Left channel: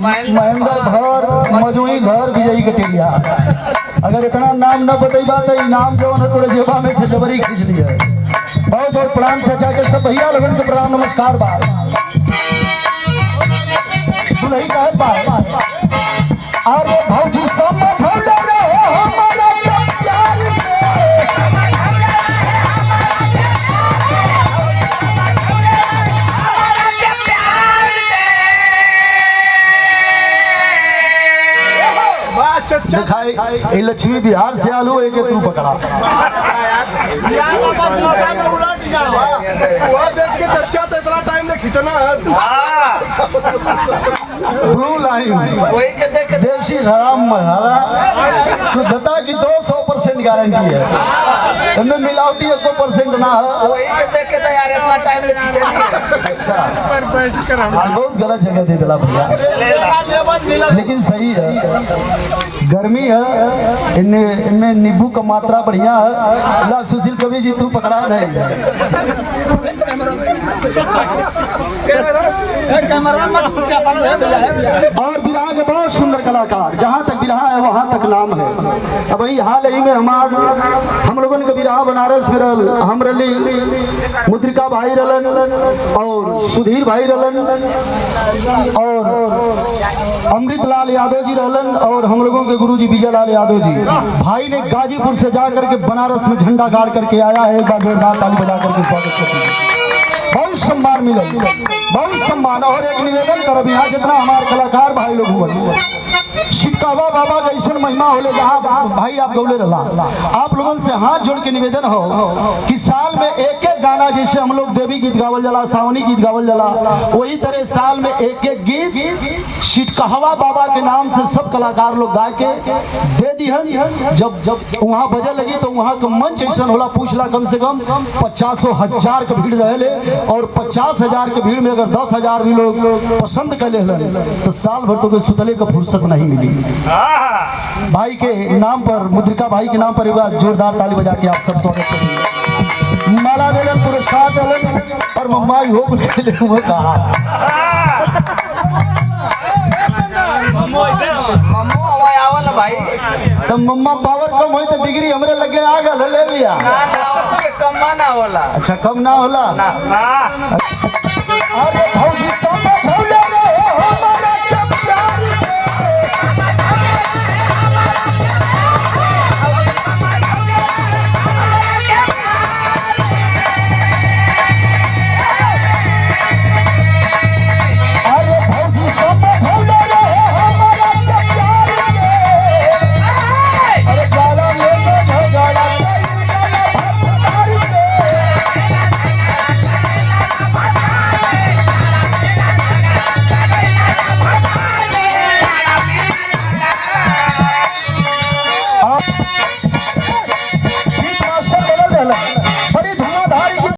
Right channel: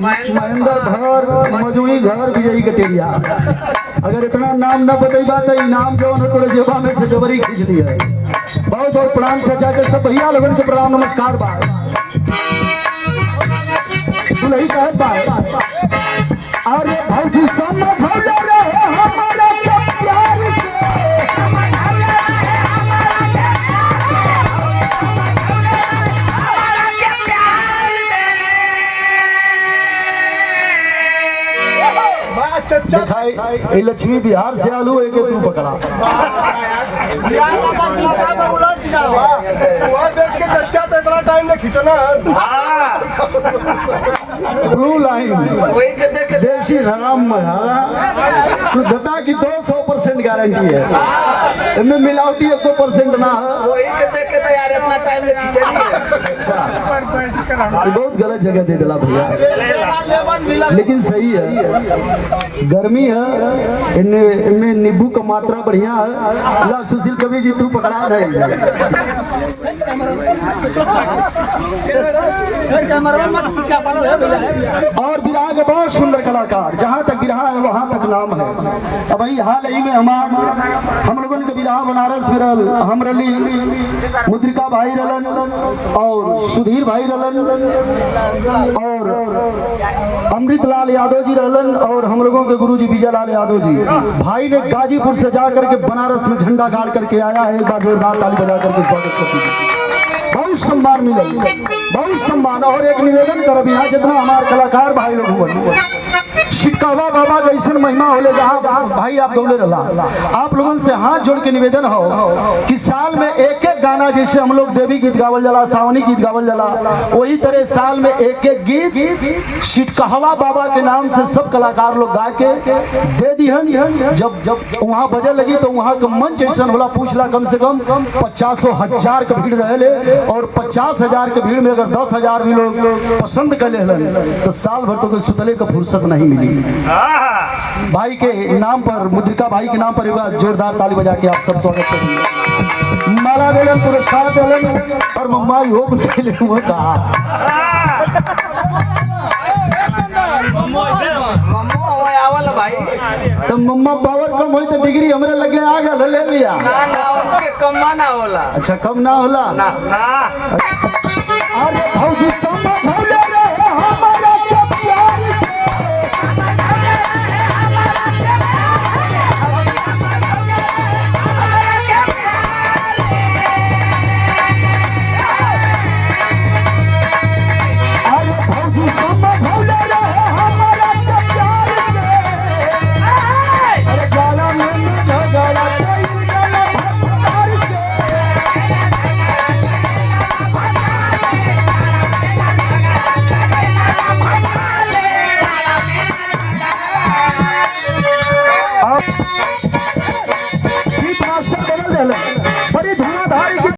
महेंद्र घर मजूई घर विजयी कटेरिया। अगर इतना नाम न बतेबा तो इनाम जो है तोरे जेबा में से जबरी खींच लिया। बहुत बहुत प्रणाम चाचा के सब भैया लोगन के प्रणाम नमस्कार बा। नहीं कह पाए अरे भौजी समझ लक्ष्मी बिहार से आलू है कि तू पकड़ा देख के चर्चा तो इतना टाइम में खींचना है। ब्लू लाइन देशी हराम शुद्धता की 200% गारंटी है। इनमें मिलावटी 1% ना है। वही के देख के यार इतना टाइम ले खींचनी। बहुत गलत जगह दे दिला भैया, लेकिन सही है। गर्मी है, इनमें नींबू का मात्रा बढ़िया है। ला सुशील कवि जी तू पकड़ा रही है। और बिरहा के बहुत सुंदर कलाकार, जहाँ तक बिरहा है वहाँ तक नाम है। अब वही हाल ही में हम लोगों के बिरहा बनारस में हम रली मुद्रिका भाई रलन और सुधीर भाई रलन और अमृतलाल यादव जी रहलन और हम लोगों के गुरुजी विजयलाल यादव जी। भाई ने गाजीपुर से जाकर के बनारस में झंडा गाड़ करके आया है। एक बार जोरदार ताली बजा करके स्वागत करते हैं। बहुत सम्मान मिले, बहुत सम्मान। और एक निवेदन करब, यहाँ जितना हमारे कलाकार भाई लोग हुए शिकावा बाबा का ऐसा महिमा होले जहाँ भाई आप गौले रहा। आप लोगों से हाथ जोड़ के निवेदन हो कि साल में एक एक गाना, जैसे हम लोग देवी गीत गावल जाला, सावनी गीत गावल जाला, वही तरह साल में एक एक गीत शिटकहवा बाबा के नाम से सब कलाकार लोग गा के दे दिहन। जब जब वहाँ बजे लगी तो वहाँ का मंच ऐसा होला, पूछला कम से कम 50,000 का भीड़ रहे। और 50,000 के भीड़ में अगर 10,000 भी लोग पसंद कर ले तो साल भर तो कोई सुतले का फुर्सत नहीं मिली। भाई के नाम पर, मुद्रिका भाई के नाम पर एक बार जोरदार ताली बजा के आप सब स्वागत करेंगे। माला देलन, पुरस्कार देलन और मम्मा भी हो कहा तो मम्मा पावर कम हो तो डिग्री हमरे लगे आ गल ले लिया। कम ना होला। अच्छा कम ना होला। अरे भौजी समझ